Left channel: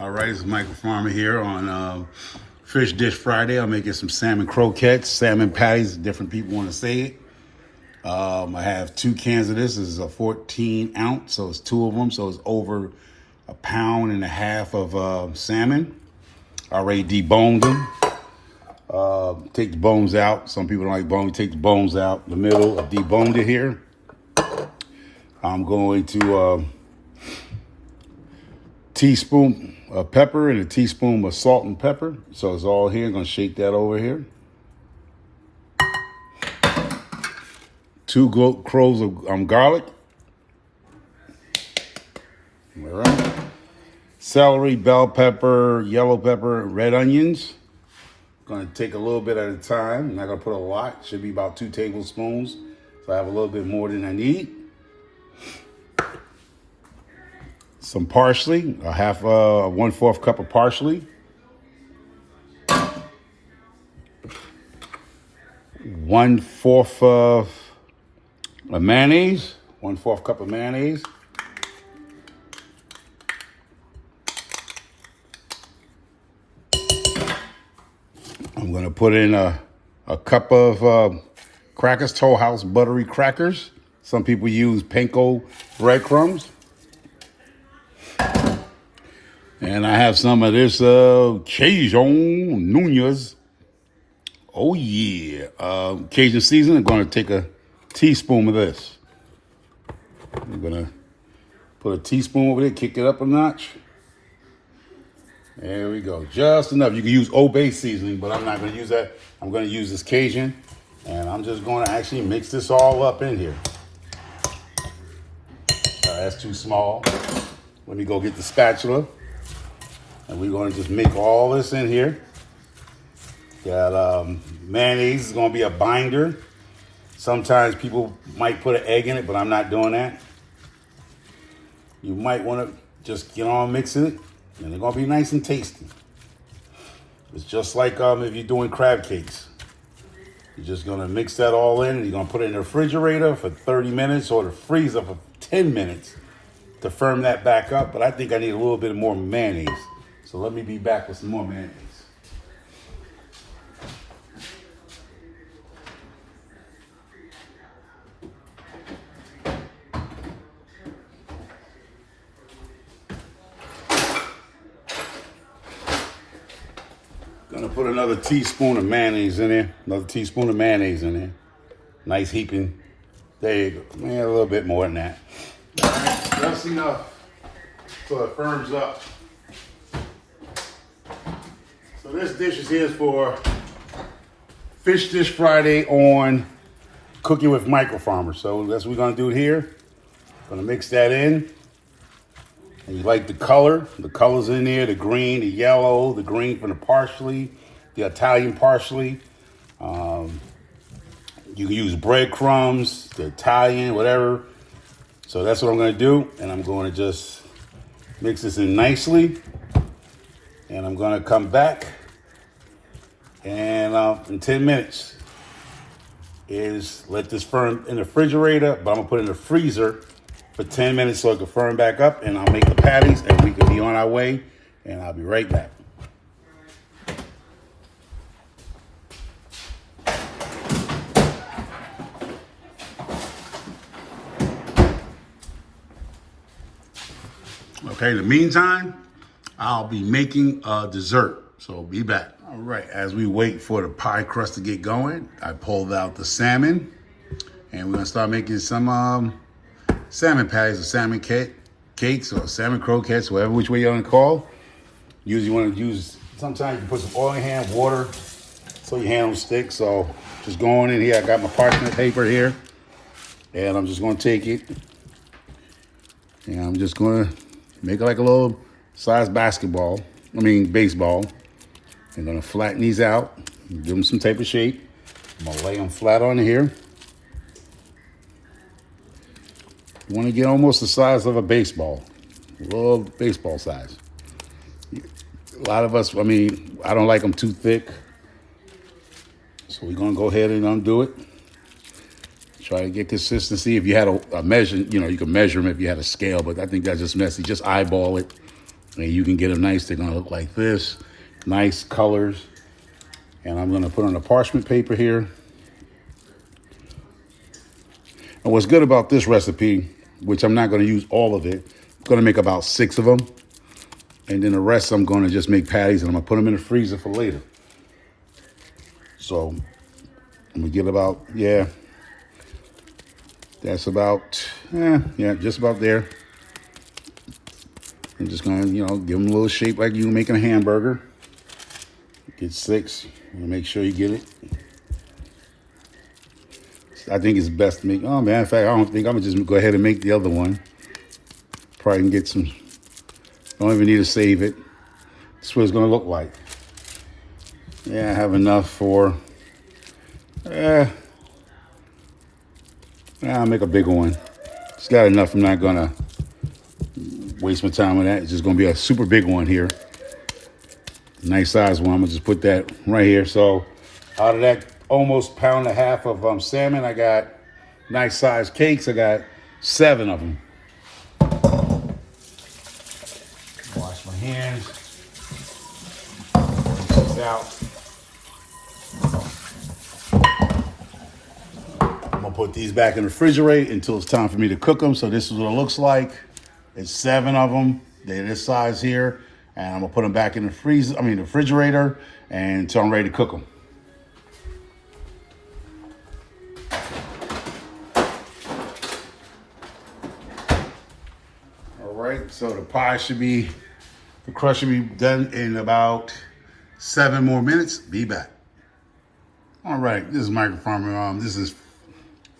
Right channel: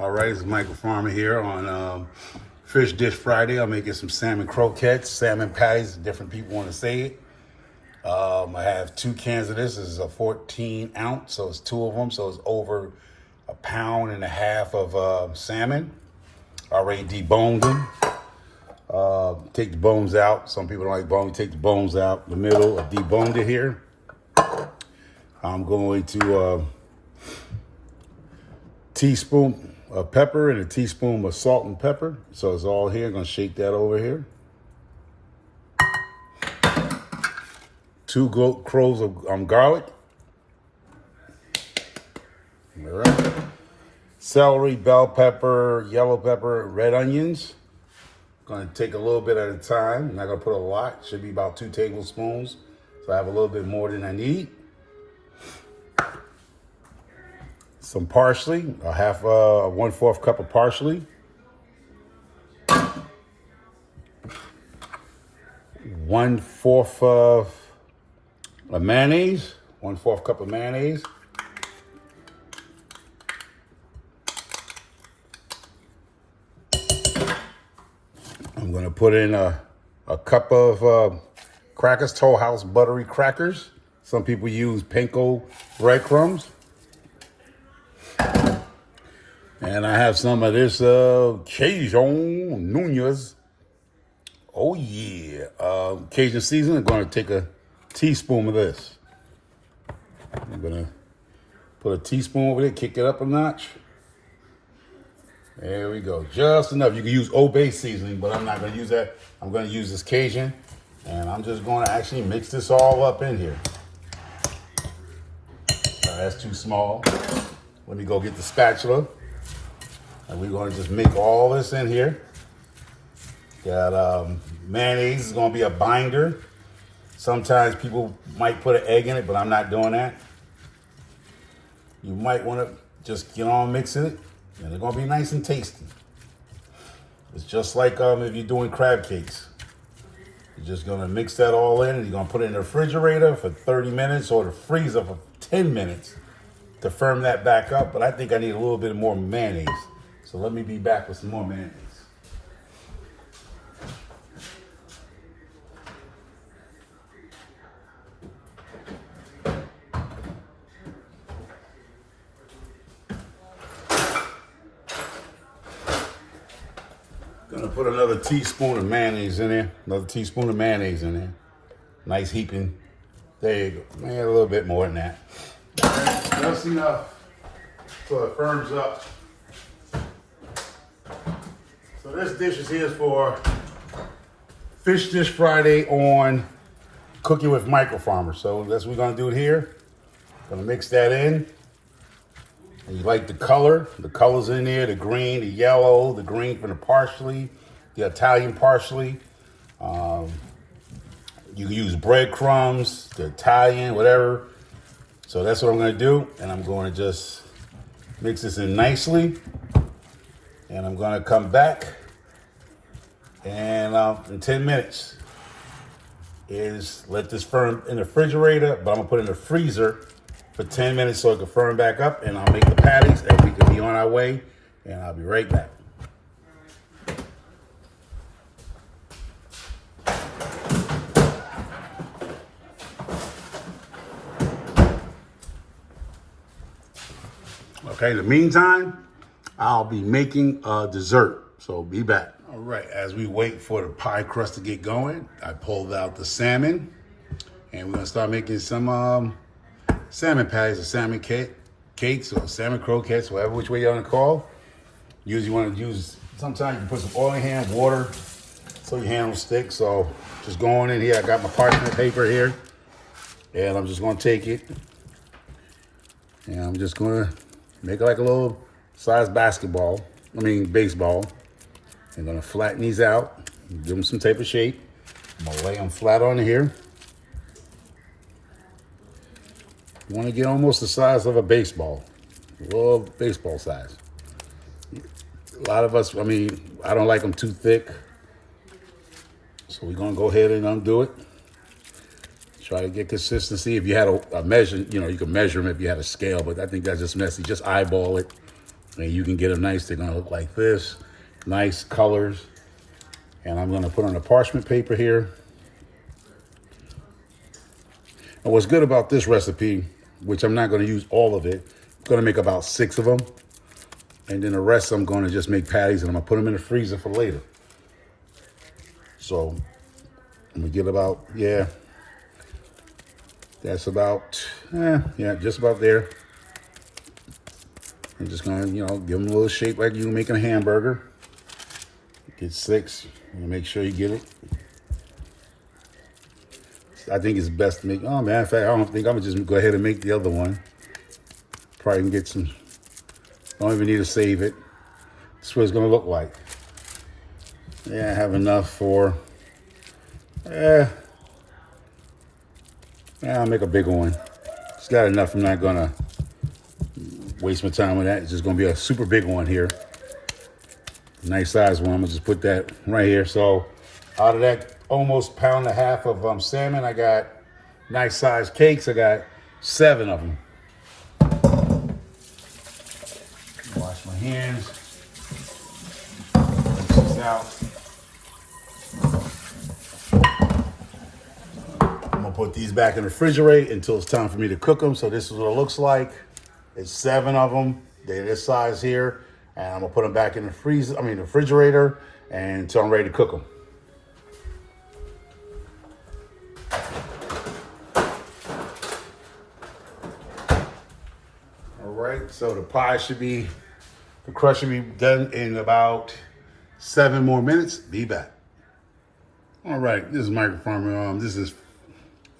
All right, it's Michael Farmer here on Fish Dish Friday. I'm making some salmon croquettes, salmon patties, different people want to say it. I have 2 cans of this. This is a 14 ounce, so it's 2 of them, so it's over 1.5 pounds of salmon. Already deboned them. Take the bones out. Some people don't like bones. Take the bones out. The middle, I deboned it here. I'm going to teaspoon of pepper and a teaspoon of salt and pepper. So it's all here. I'm going to shake that over here. 2 cloves of garlic. All right. Celery, bell pepper, yellow pepper, red onions. Going to take a little bit at a time. I'm not going to put a lot. Should be about 2 tablespoons. So I have a little bit more than I need. Some parsley, a 1/4 cup of parsley. 1/4 of mayonnaise, 1/4 cup of mayonnaise. I'm going to put in a cup of crackers, Toll House buttery crackers. Some people use panko breadcrumbs. And I have some of this Cajun Nunez. Oh yeah, Cajun seasoning. I'm going to take a teaspoon of this. I'm going to put a teaspoon over there, kick it up a notch. There we go, just enough. You can use Old Bay seasoning, but I'm not going to use that. I'm going to use this Cajun, and I'm just going to actually mix this all up in here. That's too small. Let me go get the spatula. And we're going to just make all this in here. Got mayonnaise is going to be a binder. Sometimes people might put an egg in it, but I'm not doing that. You might want to just get on mixing it, and they're going to be nice and tasty. It's just like if you're doing crab cakes. You're just going to mix that all in, and you're going to put it in the refrigerator for 30 minutes or the freezer for 10 minutes to firm that back up. But I think I need a little bit more mayonnaise. So let me be back with some more mayonnaise. Gonna put another teaspoon of mayonnaise in there. Another teaspoon of mayonnaise in there. Nice heaping. There you go. Man, a little bit more than that. All right, just enough so it firms up. So this dish is here for Fish Dish Friday on Cooking with Michael Farmer. So that's what we're gonna do it here. Gonna mix that in. And you like the color. The color's in there, the green, the yellow, the green from the parsley, the Italian parsley. You can use breadcrumbs, the Italian, whatever. So that's what I'm gonna do. And I'm gonna just mix this in nicely. And I'm gonna come back and in 10 minutes is let this firm in the refrigerator, but I'm gonna put it in the freezer for 10 minutes so it can firm back up, and I'll make the patties and we can be on our way, and I'll be right back. Okay, in the meantime, I'll be making a dessert, so be back. All right, as we wait for the pie crust to get going, I pulled out the salmon, and we're gonna start making some salmon patties or salmon cakes or salmon croquettes, whatever which way you want to call. Usually you want to use, sometimes you can put some oil in your hand, water, so your hand will stick. So just going in here, I got my parchment paper here, and I'm just going to take it, and I'm just going to make it like a little size baseball. I'm going to flatten these out, give them some type of shape. I'm going to lay them flat on here. You want to get almost the size of a baseball, a little baseball size. A lot of us, I don't like them too thick. So we're going to go ahead and undo it. Try to get consistency. If you had a measure, you can measure them if you had a scale, but I think that's just messy. Just eyeball it And you can get them nice. They're gonna look like this. Nice colors. And I'm gonna put on a parchment paper here. And what's good about this recipe, which I'm not gonna use all of it, I'm gonna make about 6 of them. And then the rest I'm gonna just make patties and I'm gonna put them in the freezer for later. So I'm gonna get about, that's about, just about there. I'm just gonna, give them a little shape like you making a hamburger. Get 6, and make sure you get it. I think it's best to make, in fact, I don't think, I'm gonna just go ahead and make the other one. Probably can get some, don't even need to save it. This is what it's gonna look like. Yeah, I have enough for, I'll make a bigger one. It's got enough, I'm not gonna waste my time with that. It's just gonna be a super big one here. Nice size one, I'm gonna just put that right here. So out of that almost 1.5 pounds of salmon, I got nice size cakes. I got 7 of them. Wash my hands. Rinse this out. I'm gonna put these back in the refrigerator until it's time for me to cook them. So this is what it looks like. It's 7 of them. They're this size here. And I'm gonna put them back in the the refrigerator until I'm ready to cook them. All right, so the crust should be done in about 7 more minutes. Be back. All right, this is Michael Farmer. This is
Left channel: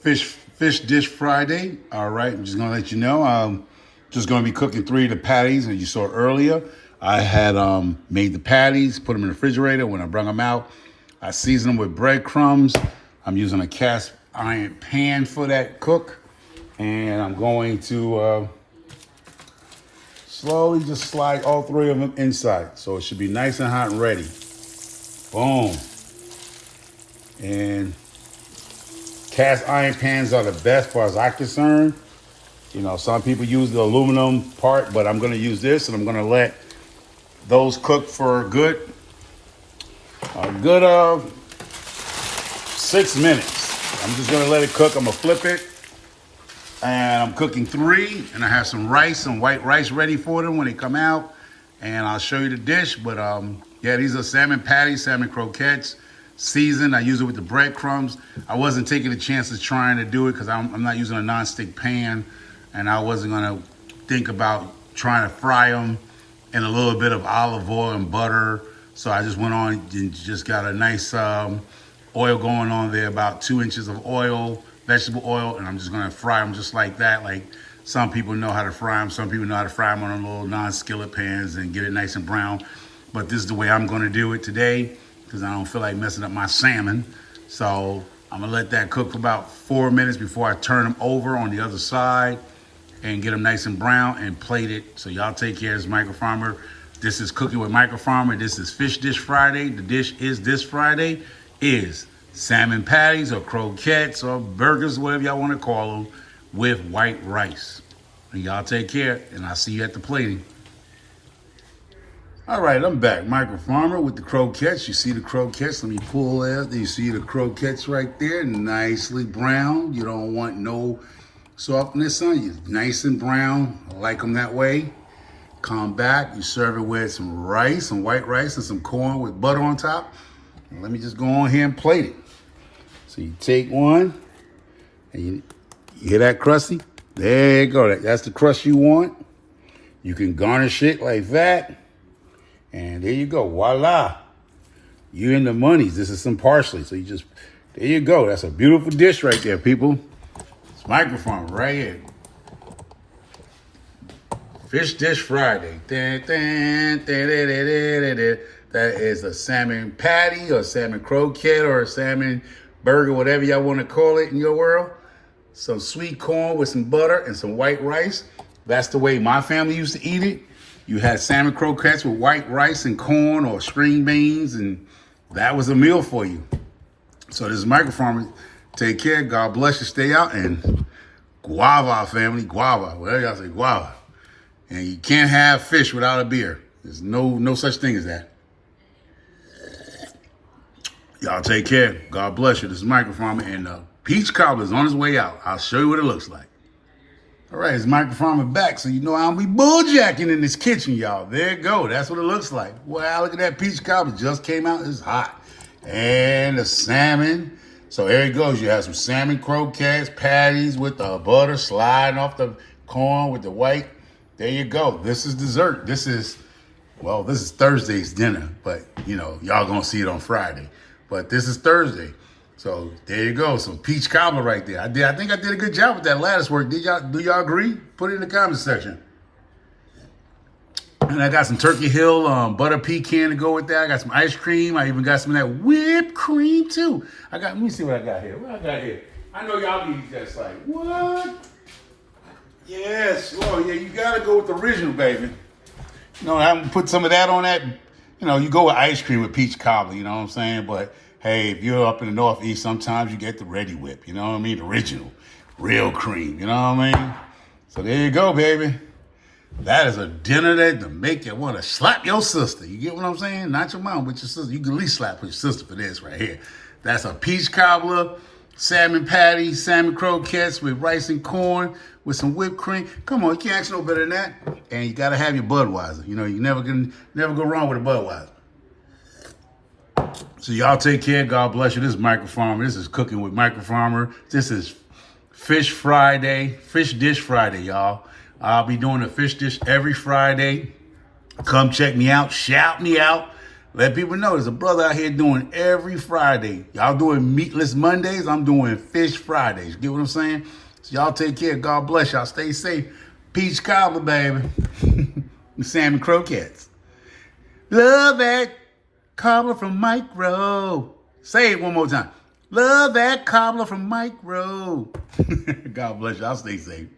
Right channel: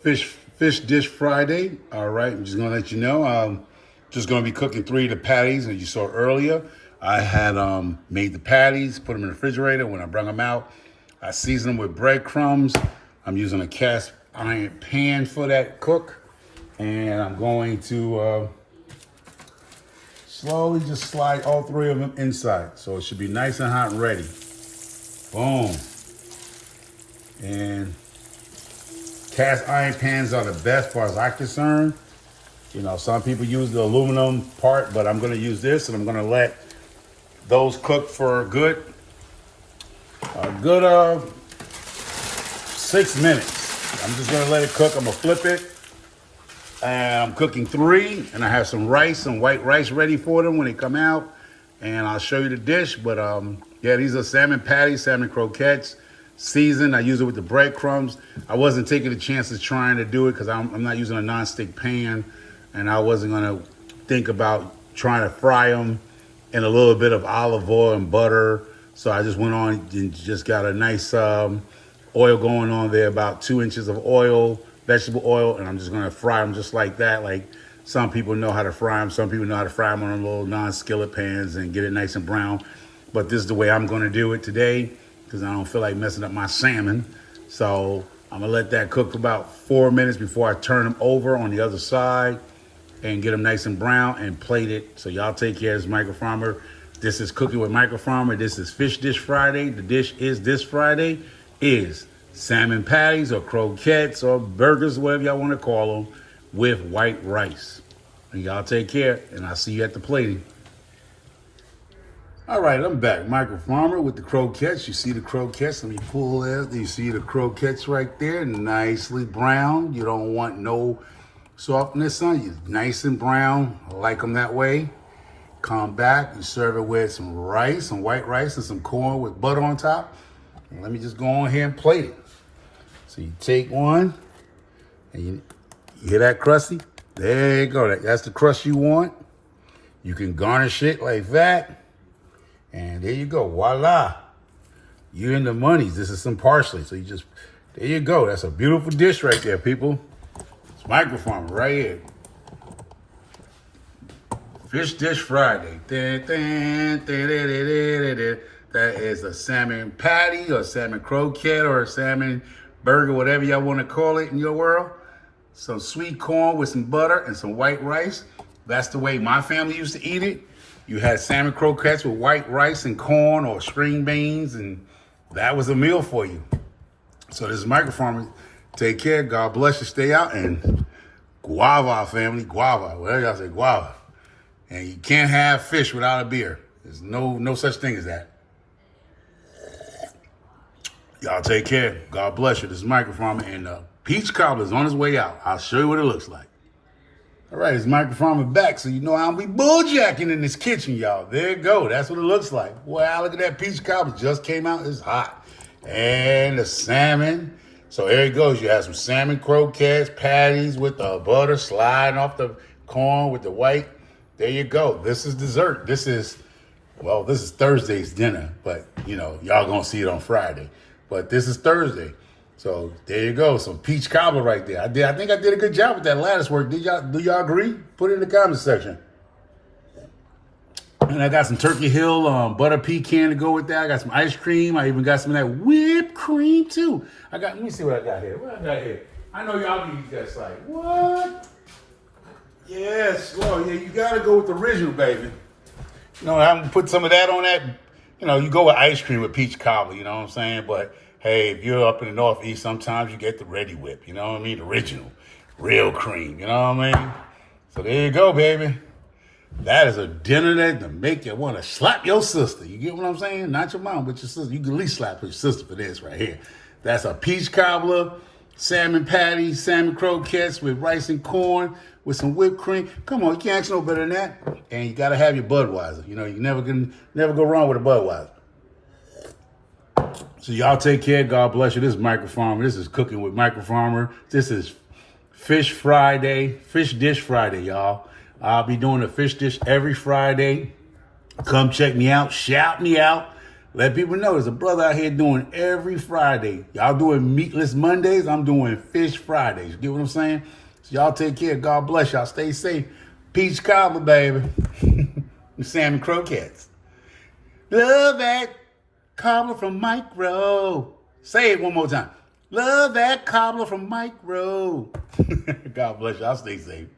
Fish Dish Friday. All right, I'm just gonna let you know. I'm just gonna be cooking 3 of the patties that you saw earlier. I had made the patties, put them in the refrigerator. When I brought them out, I seasoned them with breadcrumbs. I'm using a cast iron pan for that cook. And I'm going to slowly just slide all 3 of them inside. So it should be nice and hot and ready. Boom. And cast iron pans are the best as far as I'm concerned. Some people use the aluminum part, but I'm gonna use this and I'm gonna let those cook for a good 6 minutes. I'm just gonna let it cook. I'm gonna flip it. And I'm cooking 3, and I have some rice, some white rice ready for them when they come out. And I'll show you the dish, but these are salmon patties, salmon croquettes, seasoned. I use it with the breadcrumbs. I wasn't taking the chances trying to do it because I'm not using a non-stick pan, and I wasn't gonna think about trying to fry them in a little bit of olive oil and butter. So I just went on and just got a nice oil going on there, about 2 inches of oil, vegetable oil, and I'm just gonna fry them just like that. Like some people know how to fry them. Some people know how to fry them on little non-skillet pans and get it nice and brown. But this is the way I'm gonna do it today because I don't feel like messing up my salmon. So I'm gonna let that cook for about 4 minutes before I turn them over on the other side and get them nice and brown and plate it. So y'all take care. This is Michael Farmer. This is Cooking with Michael Farmer. This is Fish Dish Friday. The dish is this Friday is salmon patties or croquettes or burgers, whatever y'all want to call them, with white rice. And y'all take care, and I'll see you at the plating. All right, I'm back. Michael Farmer with the croquettes. You see the croquettes? Let me pull that. You see the croquettes right there, nicely brown. You don't want no softness on you. Nice and brown. I like them that way. Come back. You serve it with some rice, some white rice, and some corn with butter on top. And let me just go on here and plate it. So you take one, and you hear that crusty? There you go. That's the crust you want. You can garnish it like that. And there you go. Voila. You're in the monies. This is some parsley. So there you go. That's a beautiful dish right there, people. It's Michael Farmer right here. Fish Dish Friday. That is a salmon patty or salmon croquette or a salmon burger, whatever y'all want to call it in your world. Some sweet corn with some butter and some white rice. That's the way my family used to eat it. You had salmon croquettes with white rice and corn or string beans, and that was a meal for you. So this is Michael Farmer. Take care. God bless you. Stay out. And guava, family. Guava. Whatever y'all say, guava. And you can't have fish without a beer. There's no such thing as that. Y'all take care. God bless you. This is Microfarmer, and peach cobbler is on his way out. I'll show you what it looks like. All right, it's Microfarmer back, so you know I don't be bulljacking in this kitchen, y'all. There you go. That's what it looks like. Wow, look at that peach cobbler. Just came out. It's hot. And the salmon. So here it goes. You have some salmon croquettes, patties with the butter sliding off the corn with the white. There you go. This is dessert. This is Thursday's dinner, but you know, y'all gonna see it on Friday. But this is Thursday. So there you go. Some peach cobbler right there. I think I did a good job with that lattice work. Do y'all agree? Put it in the comments section. And I got some Turkey Hill butter pecan to go with that. I got some ice cream. I even got some of that whipped cream too. Let me see what I got here. What I got here? I know y'all need that like, what? Yes, Lord, yeah, you gotta go with the original, baby. You know, I'm gonna put some of that on that. You know, you go with ice cream with peach cobbler, you know what I'm saying? But hey, if you're up in the Northeast, sometimes you get the ready whip, you know what I mean? The original, real cream, you know what I mean? So there you go, baby. That is a dinner that to make you want to slap your sister. You get what I'm saying? Not your mom, but your sister. You can at least slap your sister for this right here. That's a peach cobbler, salmon patty, salmon croquettes with rice and corn with some whipped cream. Come on, you can't ask no better than that. And you gotta have your Budweiser. You know, you never go wrong with a Budweiser. So y'all take care. God bless you. This is Microfarmer. This is Cooking with Microfarmer. This is Fish Dish Friday, y'all. I'll be doing a fish dish every Friday. Come check me out. Shout me out. Let people know there's a brother out here doing every Friday. Y'all doing meatless Mondays. I'm doing fish Fridays. Get what I'm saying? So y'all take care. God bless y'all. Stay safe. Peach cobbler, baby. And salmon croquettes. Love that cobbler from Micro. Say it one more time. Love that cobbler from Micro. God bless y'all. Stay safe.